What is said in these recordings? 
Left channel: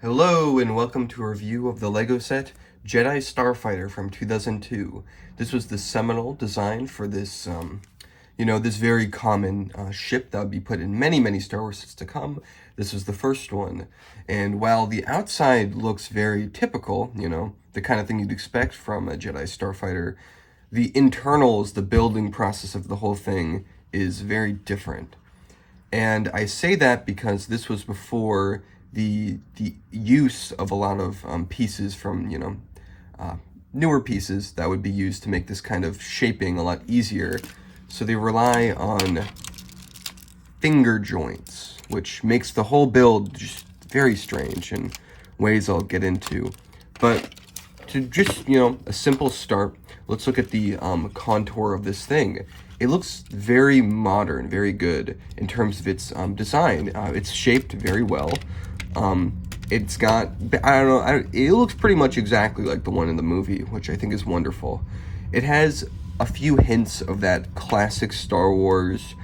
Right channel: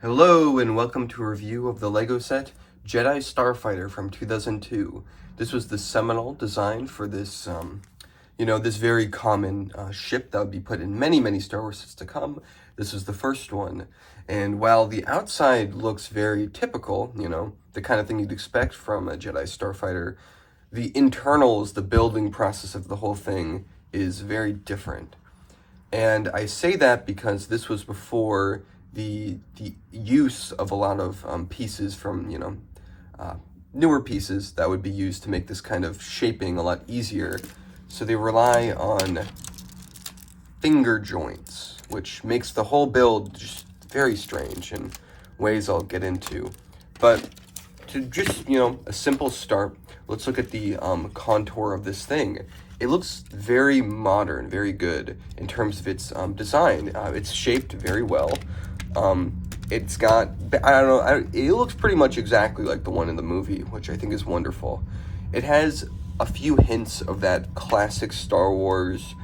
Hello and welcome to a review of the LEGO set Jedi Starfighter from 2002. This was the seminal design for this, this very common ship that would be put in many Star Wars sets to come. This was the first one. And while the outside looks very typical, the kind of thing you'd expect from a Jedi Starfighter, the internals, the building process of the whole thing is very different. And I say that because this was before the use of a lot of pieces from, newer pieces that would be used to make this kind of shaping a lot easier. So they rely on finger joints, which makes the whole build just very strange in ways I'll get into. But to just, a simple start, let's look at the contour of this thing. It looks very modern, very good in terms of its design. It's shaped very well. It's got, it looks pretty much exactly like the one in the movie, which I think is wonderful. It has a few hints of that classic Star Wars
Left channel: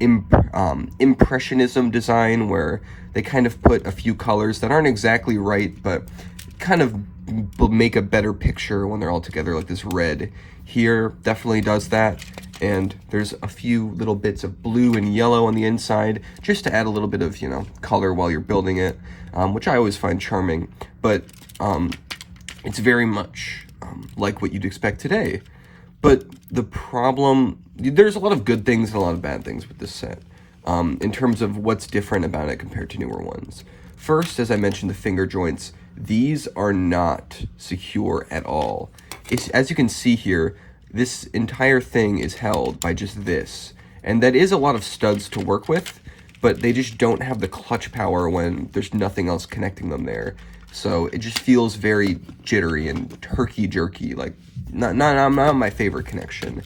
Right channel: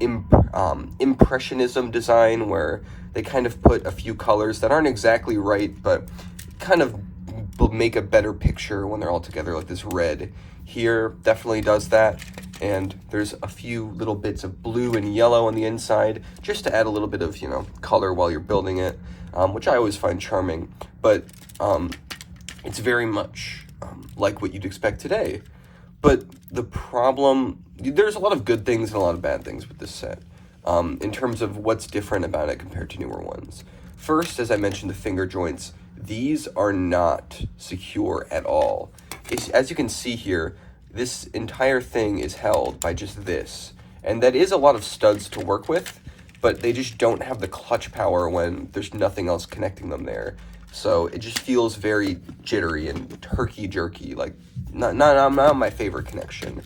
impressionism design where they kind of put a few colors that aren't exactly right, but kind of make a better picture when they're all together, like this red here definitely does that. And there's a few little bits of blue and yellow on the inside just to add a little bit of, color while you're building it, which I always find charming. But it's very much like what you'd expect today. But the problem, there's a lot of good things and a lot of bad things with this set in terms of what's different about it compared to newer ones. First, as I mentioned, the finger joints. These are not secure at all. As you can see here, this entire thing is held by just this. And that is a lot of studs to work with, but they just don't have the clutch power when there's nothing else connecting them there. So it just feels very jittery and herky-jerky, like not my favorite connection.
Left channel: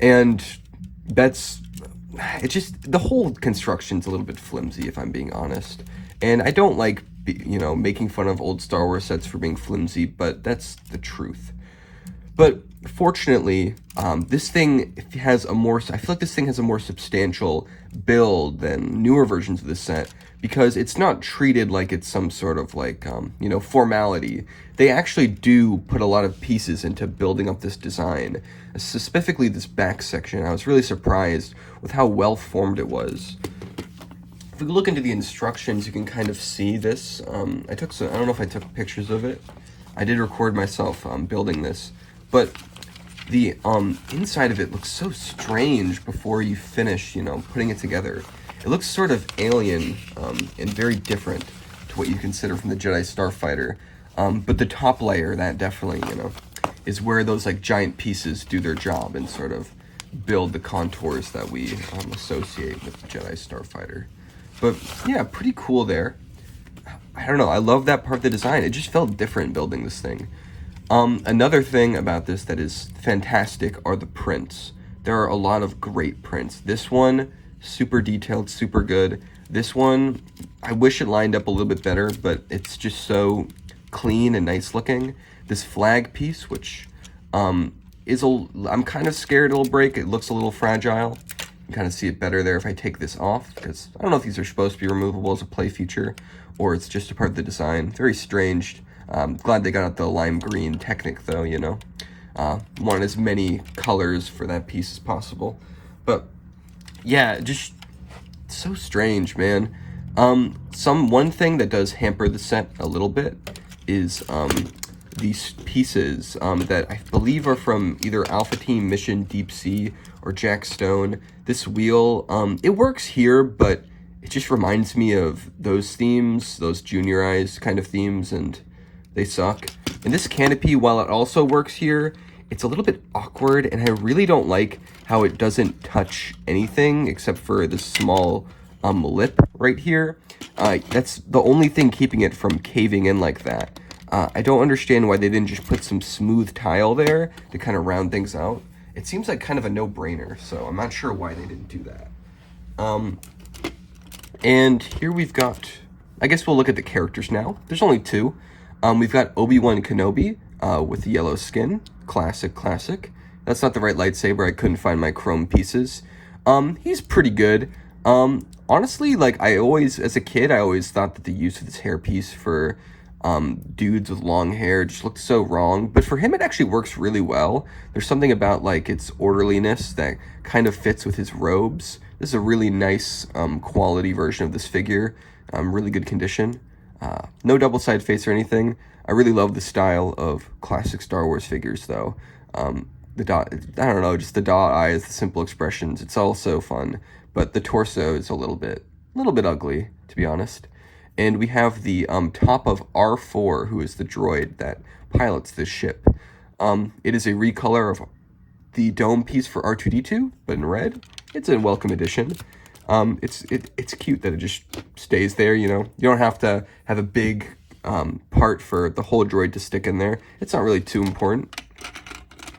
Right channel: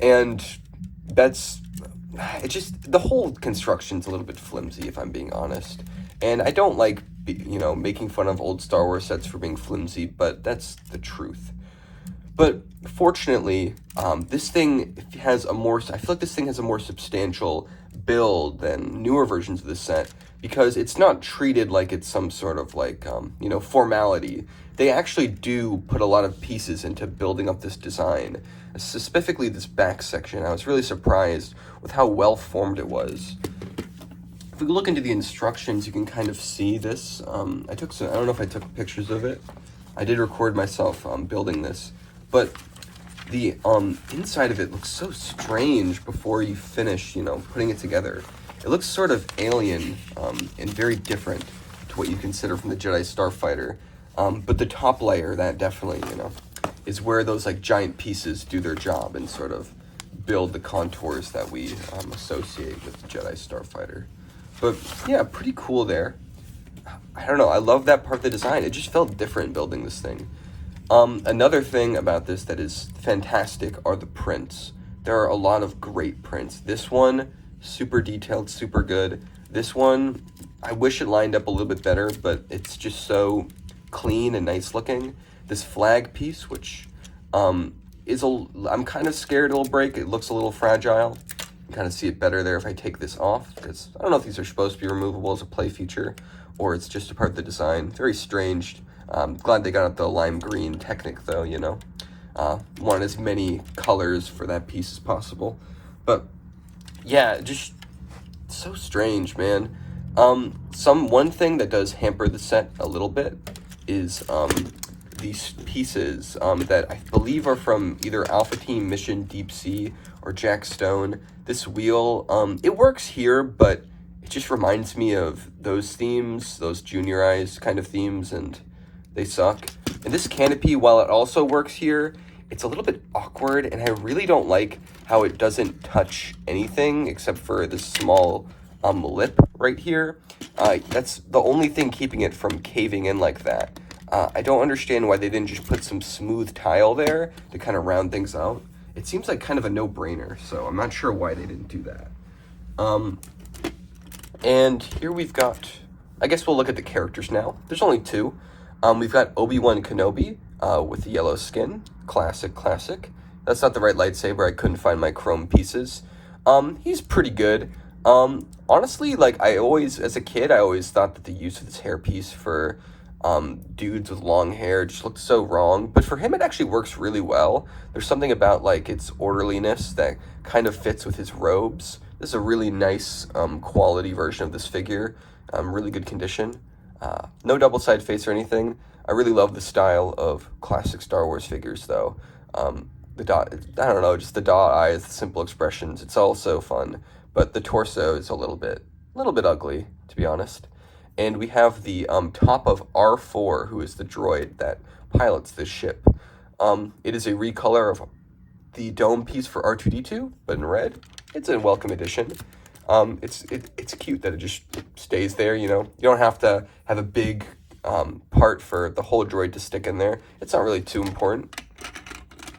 And it's just, the whole construction's a little bit flimsy, if I'm being honest. And I don't like, making fun of old Star Wars sets for being flimsy, but that's the truth. But fortunately, this thing has I feel like this thing has a more substantial build than newer versions of the set, because it's not treated like it's some sort of formality. They actually do put a lot of pieces into building up this design, specifically this back section. I was really surprised with how well formed it was. If we look into the instructions, you can kind of see this. I don't know if I took pictures of it. I did record myself building this, but the inside of it looks so strange before you finish, putting it together. It looks sort of alien and very different to what you consider from the Jedi Starfighter. But the top layer, that definitely, is where those giant pieces do their job and sort of build the contours that we associate with the Jedi Starfighter. But yeah, pretty cool there. I don't know, I love that part of the design. It just felt different building this thing. Another thing about this that is fantastic are the prints. There are a lot of great prints. This one, super detailed, super good. This one, I wish it lined up a little bit better, but it's just so clean and nice looking. This flag piece, which I'm kind of scared it'll break. It looks a little fragile. You kind of see it better there if I take this off, because I don't know if these are supposed to be removable as a play feature or it's just a part of the design. Very strange. Glad they got out the lime green Technic though, want as many colors for that piece as possible. But yeah, just so strange, man. One thing that does hamper the set a little bit is these pieces that I believe are from either Alpha Team Mission Deep Sea or Jack Stone. This wheel, it works here, but it just reminds me of those themes, those juniorized kind of themes, and they suck. And this canopy, while it also works here, it's a little bit awkward, and I really don't like how it doesn't touch anything except for this small lip right here. That's the only thing keeping it from caving in like that. I don't understand why they didn't just put some smooth tile there to kind of round things out. It seems like kind of a no-brainer, so I'm not sure why they didn't do that. And here we've got, I guess we'll look at the characters now. There's only two. We've got Obi-Wan Kenobi with the yellow skin. Classic. That's not the right lightsaber. I couldn't find my chrome pieces. He's pretty good. Honestly, like as a kid, I always thought that the use of this hairpiece for dudes with long hair just looked so wrong. But for him, it actually works really well. There's something about like its orderliness that kind of fits with his robes. This is a really nice quality version of this figure. Really good condition. No double side face or anything. I really love the style of classic Star Wars figures, though. The dot, I don't know, just the dot eyes, the simple expressions. It's all so fun, but the torso is a little bit ugly, to be honest. And we have the top of R4, who is the droid that pilots this ship. It is a recolor of the dome piece for R2-D2, but in red. It's a welcome addition. It's cute that it just stays there, you know. You don't have to have a big part for the whole droid to stick in there. It's not really too important.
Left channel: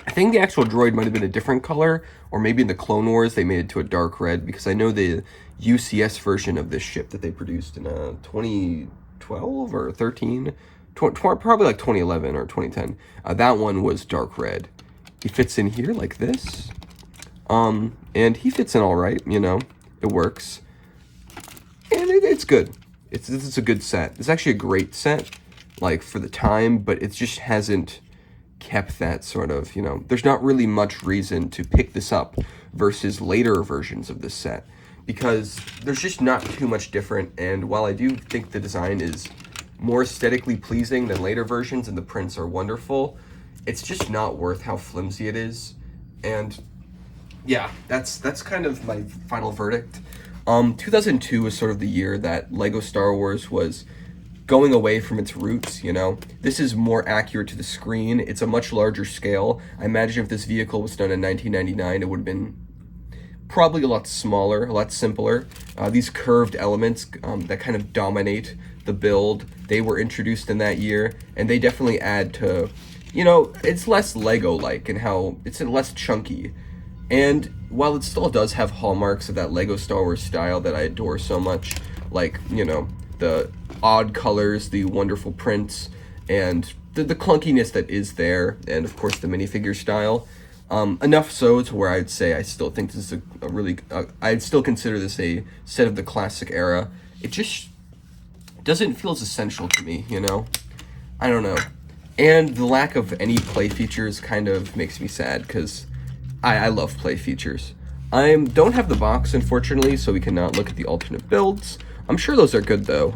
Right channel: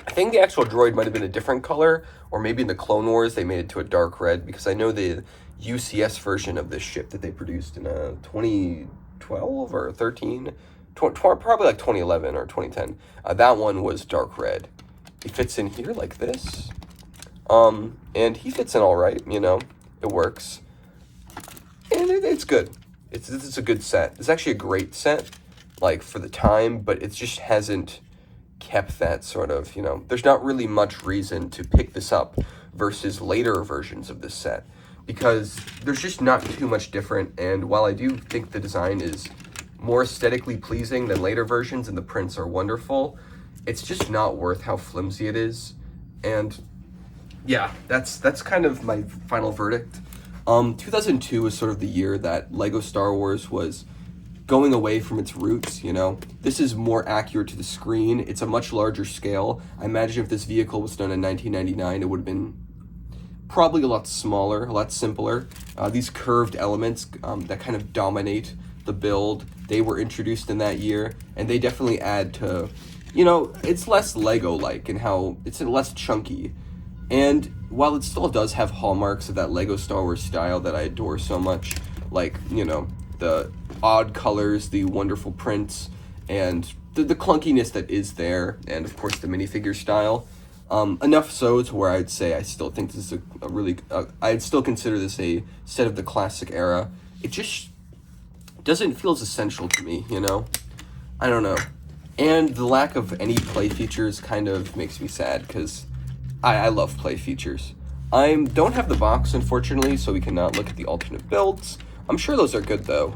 I think the actual droid might have been a different color, or maybe in the Clone Wars they made it to a dark red, because I know the UCS version of this ship that they produced in 2012 or 13, probably like 2011 or 2010, that one was dark red. He fits in here like this, and he fits in all right, you know, it works, and it's good. It's a good set. It's actually a great set, like, for the time, but it just hasn't kept that sort of, you know, there's not really much reason to pick this up versus later versions of this set, because there's just not too much different. And while I do think the design is more aesthetically pleasing than later versions and the prints are wonderful, it's just not worth how flimsy it is. And yeah, that's kind of my final verdict. 2002 was sort of the year that Lego Star Wars was going away from its roots, you know. This is more accurate to the screen. It's a much larger scale. I imagine if this vehicle was done in 1999, it would have been probably a lot smaller, a lot simpler. These curved elements that kind of dominate the build, they were introduced in that year, and they definitely add to, you know, it's less Lego-like and how it's less chunky. And while it still does have hallmarks of that Lego Star Wars style that I adore so much, like, you know, the odd colors, the wonderful prints, and the clunkiness that is there, and of course the minifigure style. Enough so to where I'd say I still think this is a really, I'd still consider this a set of the classic era. It just doesn't feel as essential to me, you know? I don't know. And the lack of any play features kind of makes me sad, because I love play features. I don't have the box, unfortunately, so we cannot look at the alternate builds. I'm sure those are good, though.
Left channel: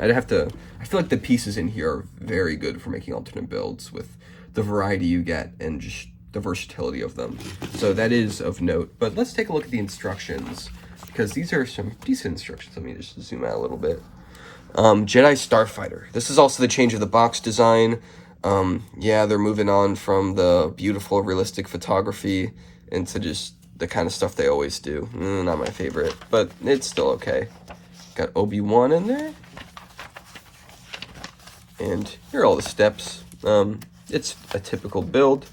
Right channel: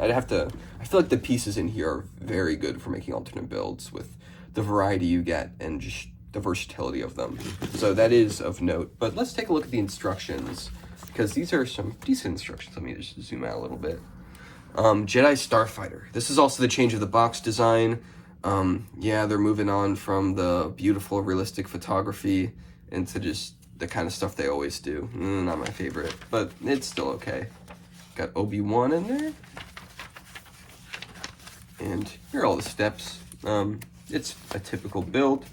I feel like the pieces in here are very good for making alternate builds with the variety you get and just the versatility of them. So that is of note. But let's take a look at the instructions, because these are some decent instructions. Let me just zoom out a little bit. Jedi Starfighter. This is also the change of the box design. Yeah, they're moving on from the beautiful, realistic photography into just the kind of stuff they always do. Not my favorite, but it's still okay. Got Obi-Wan in there. And here are all the steps. It's a typical build.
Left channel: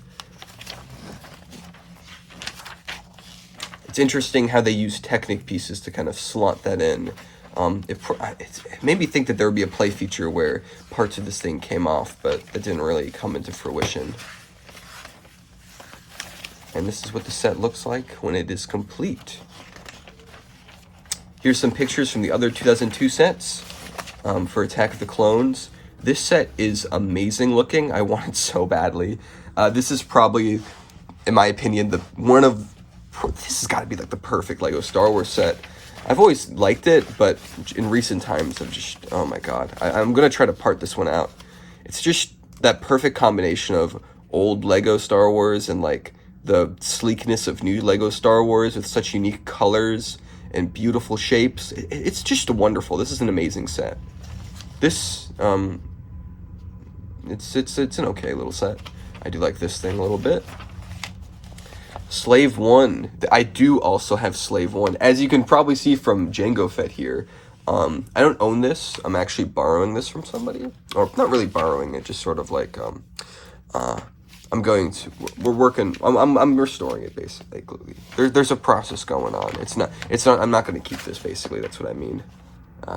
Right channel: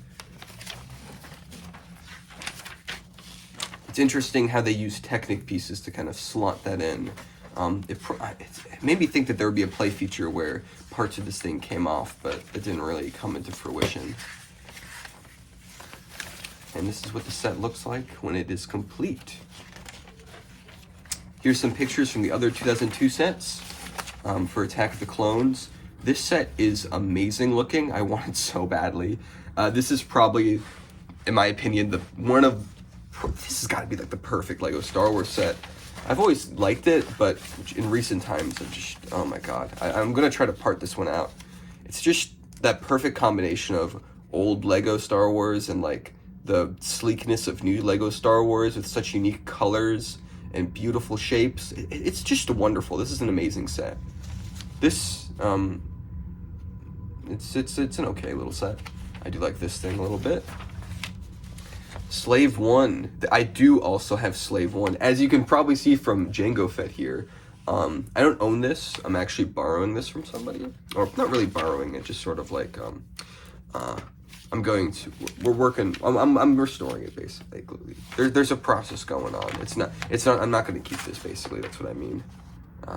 It's interesting how they use Technic pieces to kind of slot that in. It made me think that there would be a play feature where parts of this thing came off, but it didn't really come into fruition. And this is what the set looks like when it is complete. Here's some pictures from the other 2002 sets for Attack of the Clones. This set is amazing looking. I want it so badly. This is probably, in my opinion, this has got to be like the perfect Lego Star Wars set. I've always liked it, but in recent times, I've just, oh my god. I'm going to try to part this one out. It's just that perfect combination of old Lego Star Wars and like the sleekness of new Lego Star Wars with such unique colors and beautiful shapes. It's just wonderful. This is an amazing set. This, it's an okay little set. I do like this thing a little bit. Slave 1. I do also have Slave 1. As you can probably see from Jango Fett here, I don't own this. I'm actually borrowing this from somebody. Or not really borrowing it, just sort of like, I'm restoring it basically. There's a process going on. I'm not going to keep this basically. That's what I mean.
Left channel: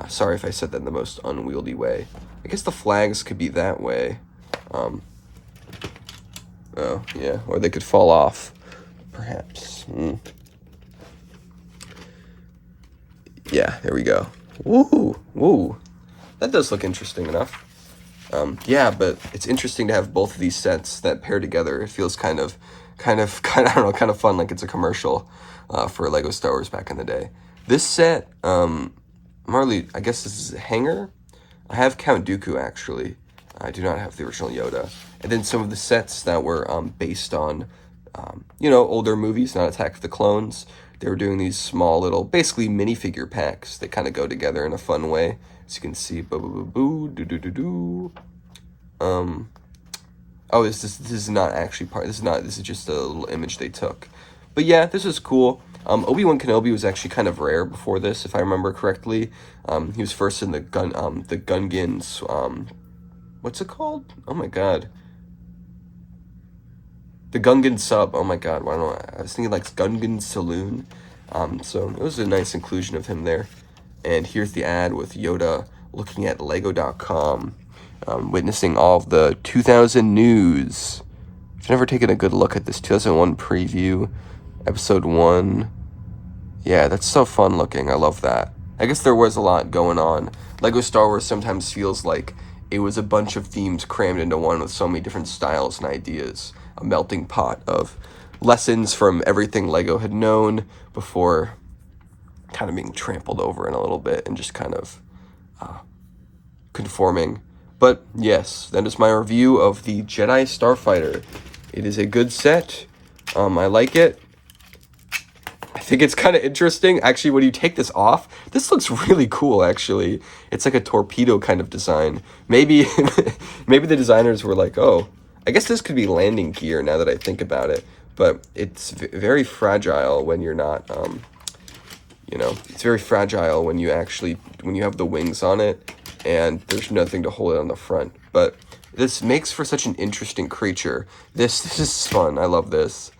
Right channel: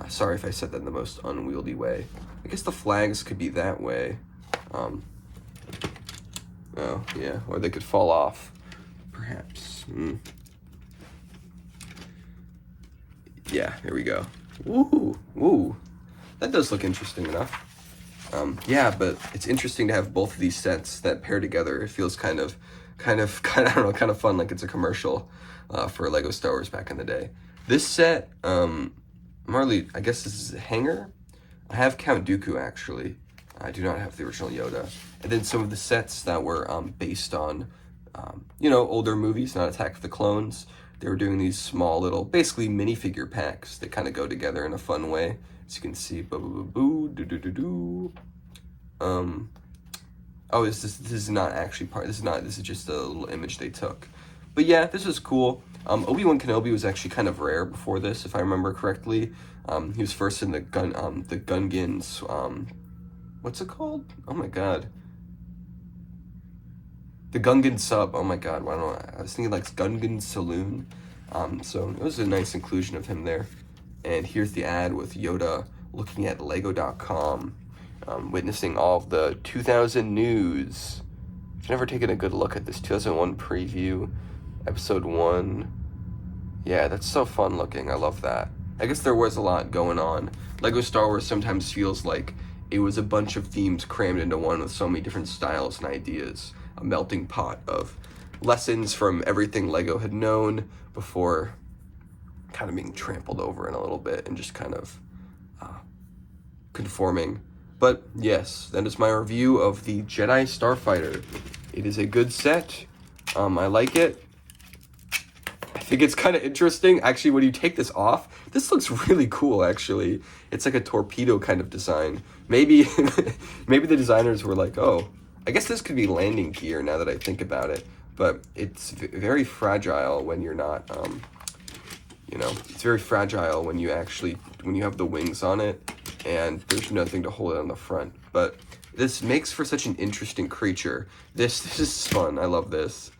Sorry if I said that in the most unwieldy way. I guess the flags could be that way. Oh, yeah. Or they could fall off. Perhaps. Yeah, there we go. Woo, woo. That does look interesting enough. Yeah, but it's interesting to have both of these sets that pair together. It feels kind of, I don't know, kind of fun, like it's a commercial for Lego Star Wars back in the day. This set, Marley, I guess this is a hanger. I have Count Dooku, actually. I do not have the original Yoda. And then some of the sets that were based on, older movies, not Attack of the Clones. They were doing these small little, basically minifigure packs that kind of go together in a fun way. As you can see, boo, doo doo doo doo. Oh, this is not actually part. This is just a little image they took. But yeah, this is cool. Obi-Wan Kenobi was actually kind of rare before this, if I remember correctly. He was first in the Gungans. What's it called? Oh my god. The Gungan sub. Oh my god. I don't know. I was thinking like Gungan Saloon. So it was a nice inclusion of him there. And here's the ad with Yoda looking at Lego.com, witnessing all of the 2000 news. I've never taken a good look at this 2001 preview, episode 1. Yeah, that's so fun looking. I love that. I guess there was a lot going on. Lego Star Wars sometimes feels like it was a bunch of themes crammed into one with so many different styles and ideas. A melting pot of lessons from everything Lego had known before kind of being trampled over in a little bit and just kind of conforming. But yes, that is my review of the Jedi Starfighter. It is a good set. I like it. I think it's kind of interesting. Actually, when you take this off, this looks really cool, actually. It's like a torpedo kind of design. Maybe maybe the designers were like, oh, I guess this could be landing gear now that I think about it. But it's very fragile when you're not, it's very fragile when you have the wings on it and there's nothing to hold it on the front. But this makes for such an interesting creature. This is fun. I love this.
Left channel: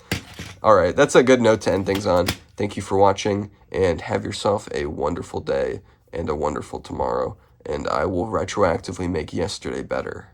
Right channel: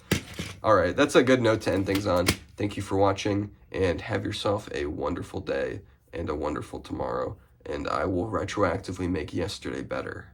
All right, that's a good note to end things on. Thank you for watching, and have yourself a wonderful day and a wonderful tomorrow. And I will retroactively make yesterday better.